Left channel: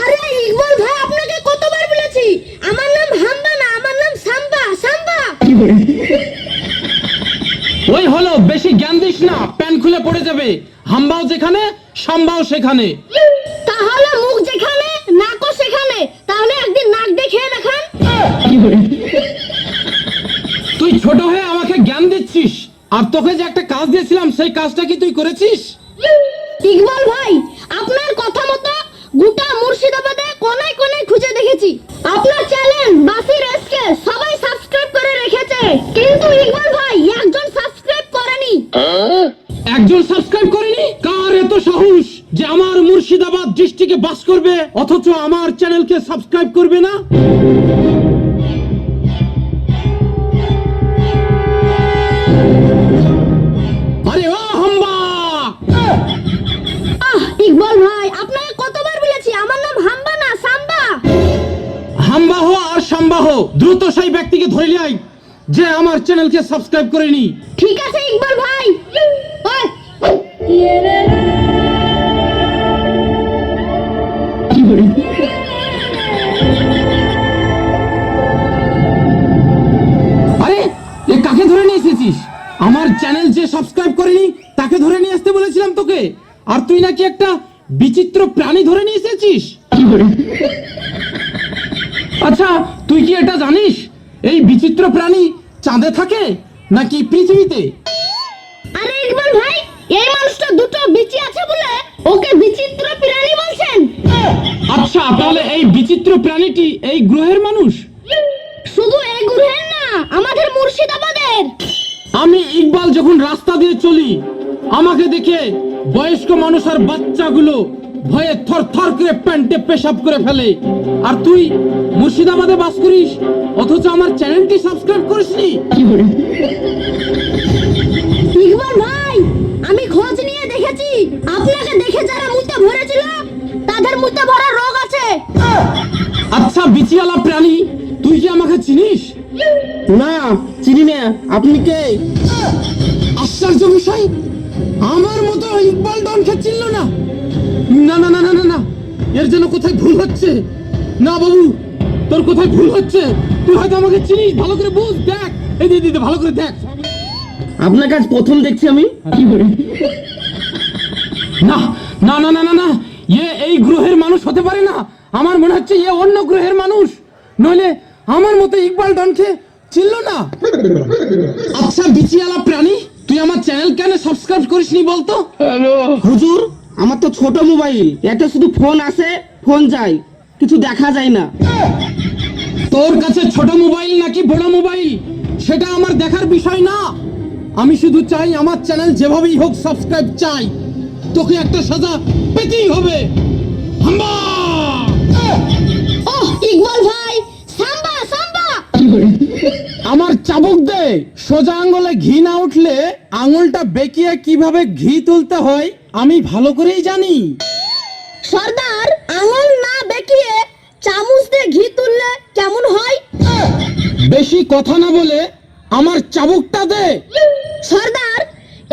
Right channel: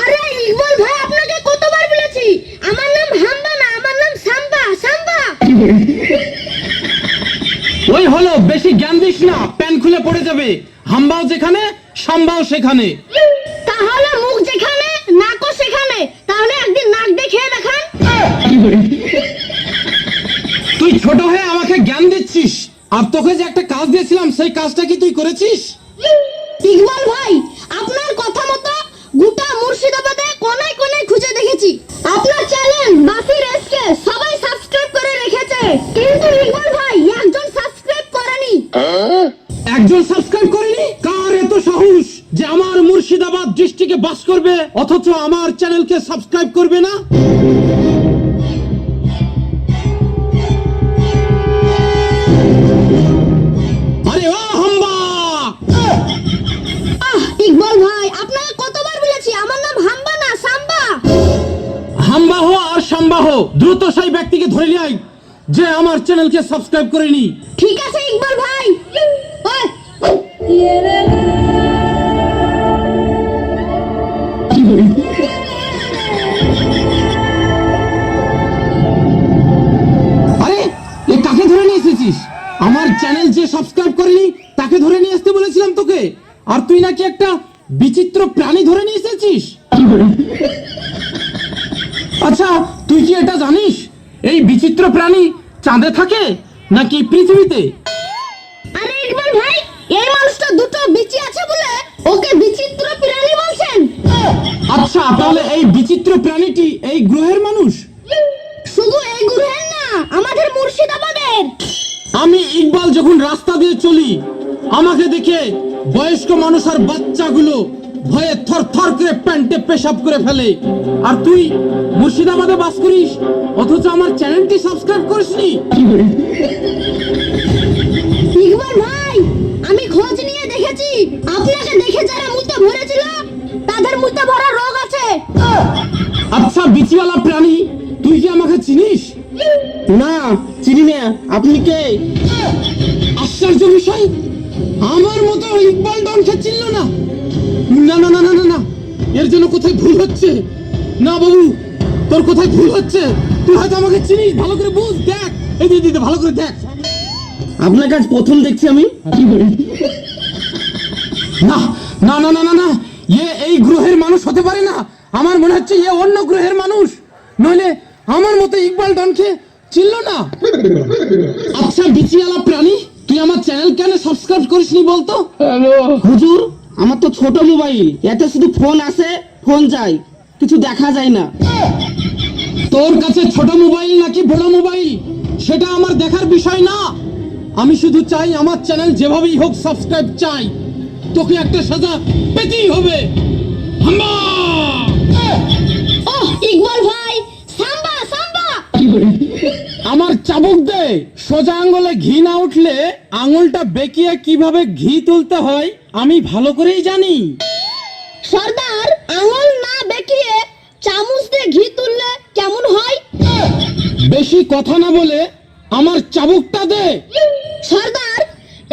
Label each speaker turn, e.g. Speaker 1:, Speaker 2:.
Speaker 1: আরে ইকবাল ভাই আপনাকে কতবার বলেছি? আমার নাম হাম্বা না আমার নাম সাম্বা সাম্বা।
Speaker 2: ওই হলো বেশি জ্ঞান দিস না প্যান খুলে পড়ে যাবে। হাম্বাও যেখানে সাম্বাও সেখানে।
Speaker 1: তাহলে মুখ যেখানে নাকও সেখানে। তাহলে একদিন নাক দেখিয়ে দেখান।
Speaker 2: তুই ছোট হয়ে আমাকে জ্ঞান দিচ্ছিস আর তোকে যে একটা কাজ দিয়েছিলাম সেই কাজটা কি তুই করেছিস?
Speaker 1: ইকবাল ভাই একজন সাবস্ক্রাইব করেনি?
Speaker 2: কার এত সাহস যে আমার মুর্শিদাবাদ ডিস্ট্রিক্টে বাস করবে? অথচ আমার চ্যানেলকে সাবস্ক্রাইব করবে না? আরে ও হাম্বা!
Speaker 1: ইকবাল ভাই আপনাকে কতবার বলেছি? আমার নাম হাম্বা না সাম্বা।
Speaker 2: হাম্বা হো আর সাম্বা হো দ্রুত সেই ব্যক্তিকে ধরে নিয়ে যে আমার চ্যানেলকে সাবস্ক্রাইব করেনি।
Speaker 1: ঠিক আছে
Speaker 2: আমার চ্যানেল যে সাবস্ক্রাইব করেনি তাকে ধরে নিয়ে আসতে বলেছিলাম তোকে। আর তুই নাকি একটা বিচিত্র প্রাণী ধরে নিয়ে এসেছিস? আচ্ছা তুই কি এটা জানিস? এই বিচিত্র প্রাণী চাঁদে থাকে নাকি পৃথিবীতে?
Speaker 1: আরে ইকবাল ভাই এই মানুষটা দুটো বিচি আছে বলে ওকে বিচিত্র প্রাণী বলছেন।
Speaker 2: আচ্ছা তাহলে এই বিচিত্র প্রাণীটি এই গ্রহের মানুষ
Speaker 1: শুধু এই গ্রহের না আমাদের মুর্শিদাবাদের
Speaker 2: আমি ইকবাল যখন রাস্তা দিয়ে চলি, আমাকে দেখে বয়স্ক মানুষ আর বাচ্চাগুলো ভয়ে থর থর করে প্যান্টে পেশাব করে ফেলে। আর তুই মুর্শিদাবাদে বাস করিস? অথচ আমার চ্যানেলটি সাবস্ক্রাইব করিসনি?
Speaker 1: ভাই, আমি খোঁজ নিয়ে দেখেছি। আপনাকে দেখে যারা
Speaker 2: না, চিনি না। আপনি কে? আশ্চর্য বিষয়। আমার মতো ইকবাল ডনকে চিনল না। না না না না না না। এর জন্য কোথায় ভুল হচ্ছে? না বাবু, তোর কোথায় ভুল হচ্ছে? তুই হয়তো আমাকে চিনিস। ভালো করে বুঝ, দেখ। এই দিদি ভালো করে দেখ। আপনার কাছে প্রথম দেখছি আমি। না না না না না না। ইয়ে এই গ্রহের মানুষ হতে পারে না। আমার মনে হচ্ছে ইয়ে অন্য গ্রহের মানুষ। নইলে আমার মতো ইকবাল ডনকে ছিল না? আচ্ছা বিচিয়ালা প্রাণী তুই আমার চ্যানেল কেন সাবস্ক্রাইব করিসনি বলতো? হ্যালো।
Speaker 3: হুজুর আমার তো ছোট মোবাইল এতে শুধু ফোন আসে ফোন যায় কিছু দেখা যায় না।
Speaker 2: তোর কাছে ছোট মোবাইল নাকি বড় মোবাইল সেটা আমার দেখার বিষয় না। আমি শুধু চাই আমার চ্যানেল যেভাবেই হোক সাবস্ক্রাইব চাই। তোকে একটা সাজা পেতেই হবে। হাম্বা!
Speaker 1: ইকবাল ভাই
Speaker 2: আমার চাবুক দে। সোজা আঙ্গুলে ঘি না উঠলে আঙুলটা বেঁকিয়ে কীভাবে ঘি তুলতে হয় আমি ভালো করেই জানি।
Speaker 1: সর্দার আঙুল না বেঁকিয়ে চামচ দিয়ে ঘি তুললে কেমন হয়?
Speaker 2: বেশি কথা না বলে আমার চাবুকটা দে।